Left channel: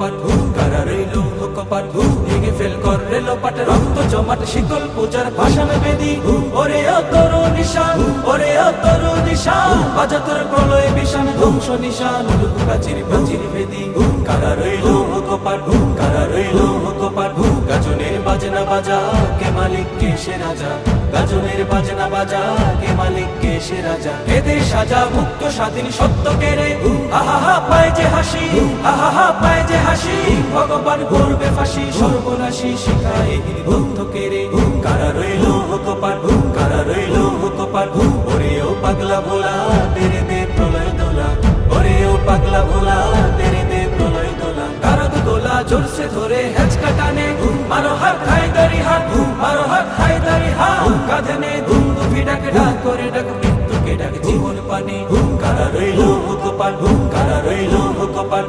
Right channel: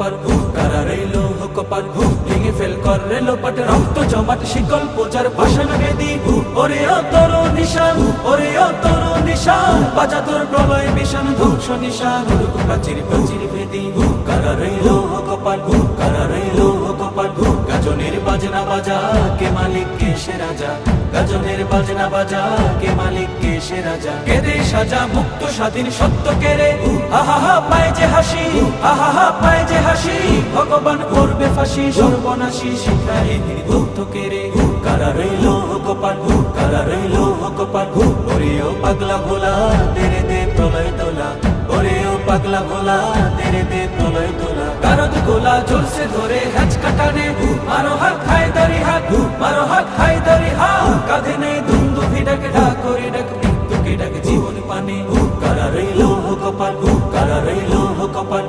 কপাট কারা রইল কপাট ভেঙে ফেল কর রেল পাট রক্ত জমাট শিকল পূজার পাষাণ বেদি ওরে অতর নিশান ওরে অতর নিশান বাজা তোর প্রলয় বিশান ধ্বংস নিশান উড়ুক প্রাচীর প্রাচীর ভেদি কারা রইল কপাট কারা রইল কপাট গাজনের বাজনা বাজা কে মালিক কে সে রাজা গাজনের বাজনা বাজা কে মালিক কে সে রাজা কেদে সাজা মুক্ত স্বাধীন সত্য কেড়ে আহা পায় যে হাসি আহা পায় যে হাসি ভগবান করবে ফাঁসি সর্বনাশী শিখায় এগিয়ে দগ্ধ কেড়ে কারা রইল কপাট কারা রইল কপাট ওরেও পাগলা ভোলা তেরে দে প্রলয় দোলা ওরেও পাগলা ভোলা তেরে দে প্রলয় দোলা কারদ গোলা জোরসে ধরে হেঁচ কাটানে মারো হাত খায় দারি হাত মারো হাত খায় দারি হাত কাঁধে নেই দুন্দু ভিড়াকে ডাক করে ডাক মৃত্যুকে ডাক জীবন পানে কারা রইল কপাট কারা রইল কপাট